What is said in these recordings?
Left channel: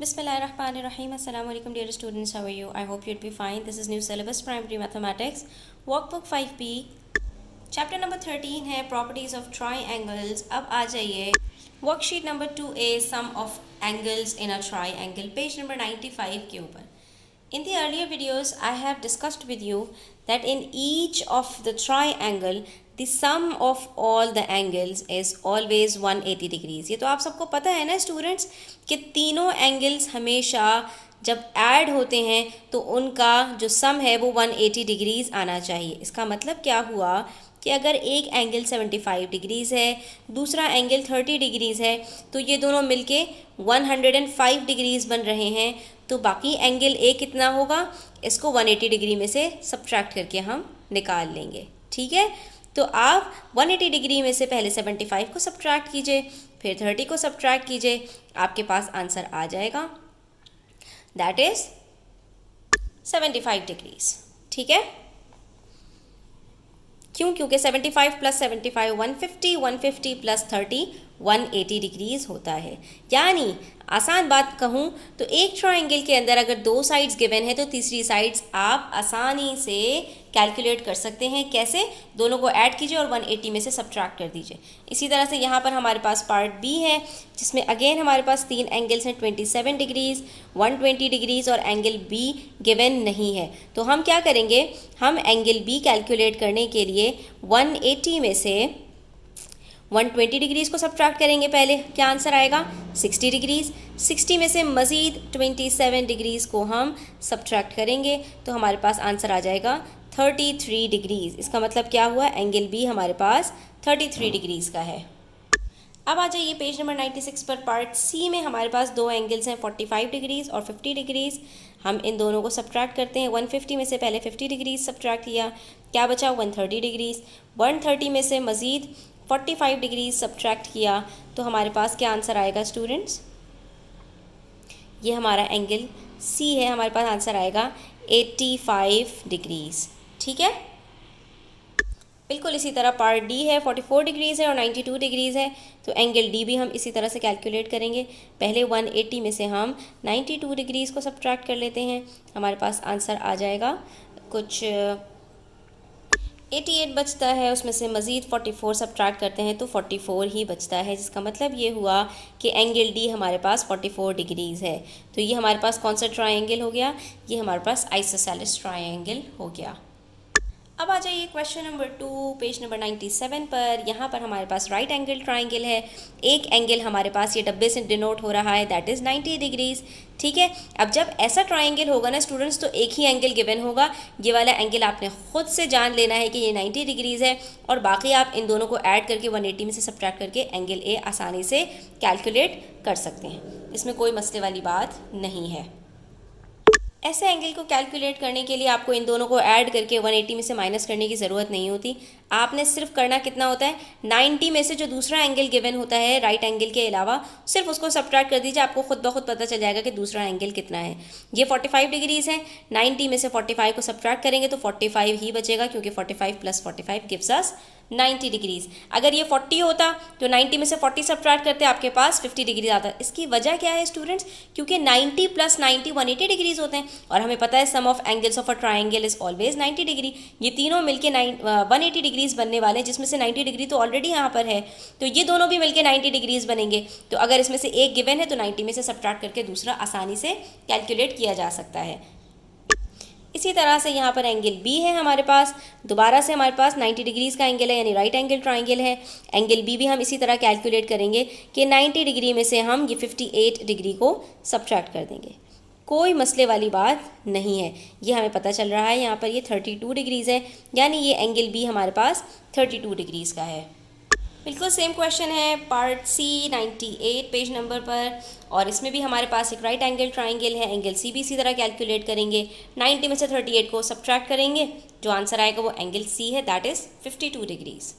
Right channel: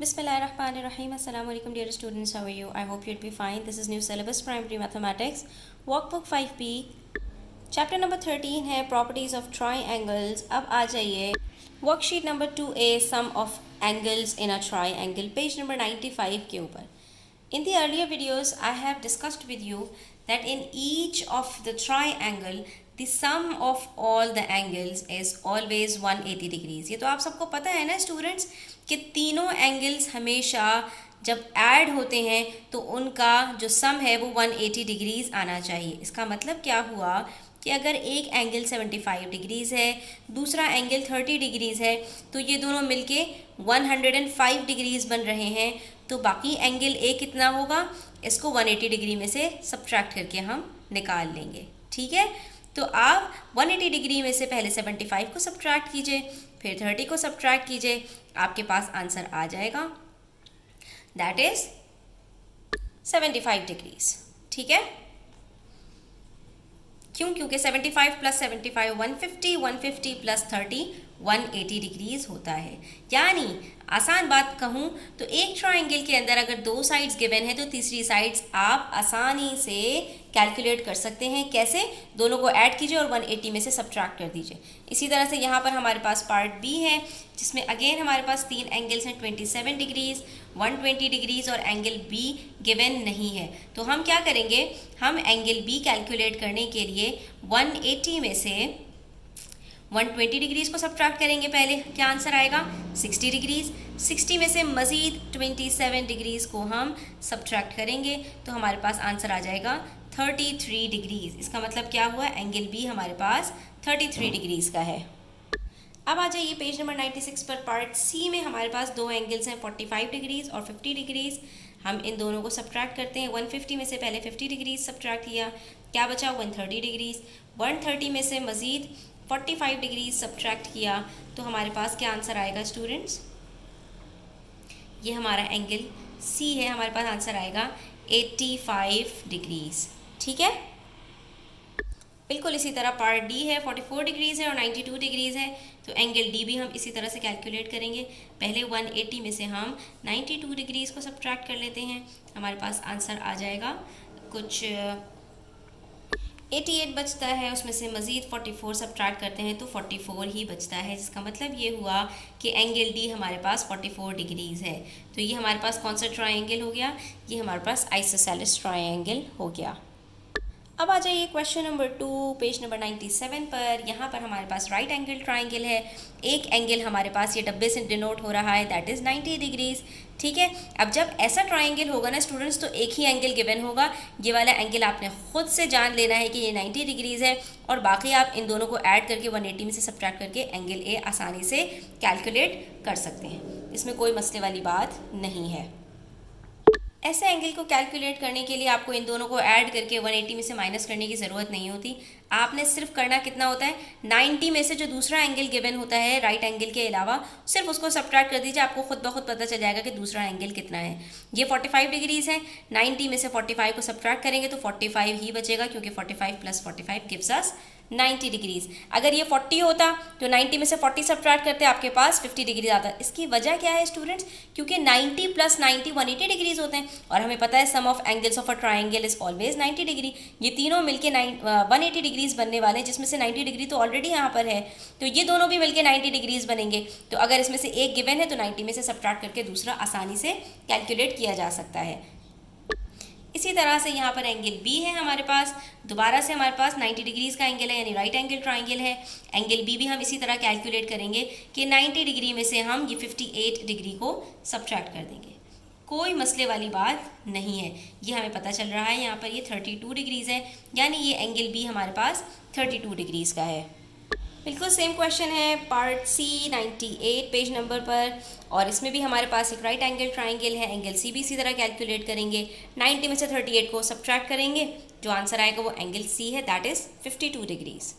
Bismillahirrahmanirrahim. Assalamu alaikum dear students. How are you? I hope you'd be fine. This is new syllabus primary mathematics. Workbook 5B. Chapter number 13 है properties of triangles. अब आ जाइए worksheet number 2A sum of angles in a triangle page number 95 के ऊपर. In the earlier videos I have discussed with you that in each of the triangle the sum of all the angles is always 180 degrees. ये तो आप सबको पता है ना students कि तीनों एंगल्स हमेशा जब ऐड होते हैं तो उनका जो सम है वो 180 डिग्रीज आना चाहिए. इसका मतलब क्या हुआ कि अगर एक एंगल 75 डिग्रीज़ है, दूसरा एंगल 30 डिग्रीज़ है, तो ये दोनों मिलके 105 डिग्रीज़ बन रहे हैं. तो बाकी एंगल ए कितना होगा, इसको 180 डिग्री में से सब्ट्रैक्ट करके हम निकाल लेंगे. ठीक है, तो आप 180 डिग्री में से पहले 75 को सब्ट्रैक्ट कीजिए, फिर 30 को सब्ट्रैक्ट कीजिए, आपके पास आंसर आ जाएगा, दैट इज 75 डिग्रीज. ठीक है, क्यों? क्योंकि 75 प्लस 75 150, 150 प्लस 30 180 डिग्रीज होता है. यानी आसान बात कहूँ तो एक ट्राइंगल के अंदर अगर दो साइड्स गिवन है तो तीसरी साइड्स आप आसानी से कैलकुलेट कर सकते हैं. कैसे? दोनों को ऐड कीजिए और 180 में से सब्ट्रैक्ट कर दीजिए. इसी तरह से यहाँ पर हमारे पास पार्ट बी है जिसमें अगेन हमारे पास तीन एंगल्स हैं, 27 डिग्रीज, 120 डिग्रीज और एंगल बी गिवन नहीं है. तो हम क्या करेंगे, हम एंगल बी कैलकुलेट करने के लिए 180 में से 120 डिग्रीज़ को सब्ट्रैक्ट करेंगे. पहले क्या आंसर आएगा, 60 डिग्रीज़. 60 में से मज़ीद 27 डिग्रीज़ को हम सब्ट्रैक्ट करेंगे तो हमारे पास आंसर आ जाएगा 33 डिग्रीज़. इसका मतलब क्या हुआ, एंगल बी हमारे पास 33 डिग्रीज़ का है. अब आ जाइए पेज नंबर 96 पर. पार्ट सी में हमारे पास दो एंगल्स हैं, 45 डिग्रीज़ और 50 डिग्रीज़. हम इन दोनों को सब्ट्रैक्ट करते हैं. 150 में से पहले 50 डिग्रीज़ सब्ट्रैक्ट किया, क्या बचा, 130 डिग्रीज़. 130 में से मज़ीद 45 डिग्री सब्ट्रैक्ट किया तो हमारे पास क्या आंसर आएगा स्टूडेंट्स, ये हमारा एंगल सी है, हमारे पास आंसर आएगा 85 डिग्रीज़. ठीक है, बिल्कुल इसी तरह पार्ट डी है, 44 डिग्रीज़ है और 92 डिग्रीज़ है. तो एंगल डी भी हम इसी तरह से कैलकुलेट करेंगे. पहले 180 में से हम 92 डिग्रीज़ को सब्ट्रैक्ट कर लेते हैं, हमारे पास आंसर आ जाएगा कुछ 88 बचता है. उसमें से मज़ीद 44 सब्ट्रैक्ट करते हैं तो 44 ही बचता है, जिसका मतलब ये हुआ कि एंगल डी हमारे पास 44 डिग्रीज़ है. तो ये हमारे पास कौन सा ट्रायंगल हो गया, ये हमारे पास आइसोसेलेस ट्रायंगल हो गया. अब आ जाइए क्वेश्चन नंबर 2 पेज नंबर 97 पर. यहाँ पर हमारे पास राइट एंगल ट्राइंगल है. एक एंगल हमारे पास ये डब्बे से डिनोट हो रहा है, दैट इज़ 90 डिग्रीज़. ठीक है, अब जब ऐसा ट्राइंगल होगा ना स्टूडेंट्स तो एक ही एंगल गिवन होगा. ये वाला एंगल आपने खुद से जान लेना है कि ये 90 डिग्रीज़ है और बाकी आप इन दोनों को ऐड करके 180 में से सब्ट्रैक्ट करके एंगल ए आसानी से कैलकुलेट कर सकते हैं. इसमें कोई मसले वाली बात नहीं है. ऐसे एंगल को कैलकुलेट करने के लिए आपको इन दोनों को ऐड करके 180 में से माइनस करने की ज़रूरत नहीं होती. आपने सिर्फ करना कितना होता है, 90 में से जो दूसरा एंगल गिवन होता है राइट एंगल के अलावा सिर्फ उसको सब्ट्रैक्ट कर दीजिए, आपको खुद ब खुद पता चल जाएगा कि दूसरा एंगल कितना है. ये 45 डिग्रीज़ है, 90 में से 45 को सब्ट्रैक्ट करेंगे तो 45 ही बचेगा क्योंकि 45 प्लस 45 गिव्स अस 90 डिग्रीज़. अगर ये 40 होता तो 90 में से 40 सब्ट्रैक्ट करते आपके पास 50 डिग्री आता. इसकी वजह क्या है स्टूडेंट्स, क्योंकि 90 प्लस 90 180 डिग्रीज़ होते हैं और हमें पता है sum of angles of a triangle is always 90 degree. ये तीनों मिलके 180 डिग्रीज़ बनने वाले हैं, जिसमें से 90 डिग्री तो ऑलरेडी यहाँ पर है, तो ये दोनों भी मिलके 90 डिग्रीज़ बनेंगे. तो अगर इसमें से एक गिवन है तो 90 में से सब्ट्रैक्ट करके दूसरा आसानी से कैलकुलेट किया जा सकता है. इसी तरह से यहाँ पर एंगल बी है हमारे पास, दोबारा से हमारे पास 90 डिग्रीज़ का एंगल है यानी राइट एंगल ट्राइंगल है. एंगल बी भी हम इसी तरह कैलकुलेट करेंगे कि 90 डिग्री में से हम ये 58 डिग्री को सब्ट्रैक्ट कर देंगे. कोई मसले वाली बात नहीं है. ये हमें पता चल रहा है यहाँ पर ये 32 डिग्रीज़ है, यानी ये एंगल बी हमारे पास 32 डिग्रीज़ का है. बिल्कुल सेम क्वेश्चन है पार्ट सी 98 पेज नंबर पर और इसमें भी हमारे पास एक राइट एंगल ट्राइंगल है. एंगल सी भी इसी तरह कैलकुलेट करेंगे, 90 में से 38 को सब्ट्रैक्ट करेंगे, जो आंसर आएगा वो एंगल सी है, दैट इज़ 52 डिग्रीज़.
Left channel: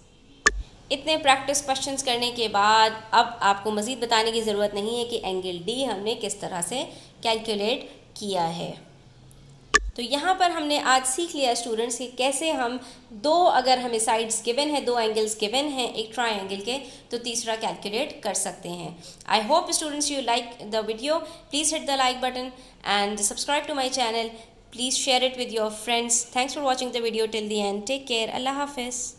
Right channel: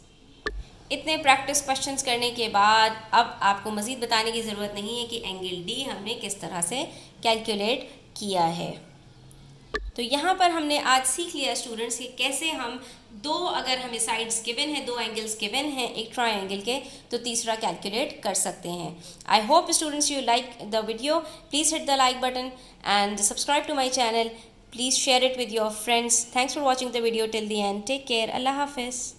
इतने प्रैक्टिस क्वेश्चंस करने के बाद अब आपको मज़ीद बताने की ज़रूरत नहीं है कि एंगल डी हमने किस तरह से कैलकुलेट किया है. तो यहाँ पर हमने आज सीख लिया स्टूडेंट्स कि कैसे हम दो, अगर हमें साइड्स गिवन है, दो एंगल्स गिवन हैं एक ट्रायंगल के, तो तीसरा कैलकुलेट कर सकते हैं। I hope students you like the video. Please hit the like button and subscribe to my channel. Please share it with your friends. Thanks for watching the video till the end. Take care. Allah Hafiz.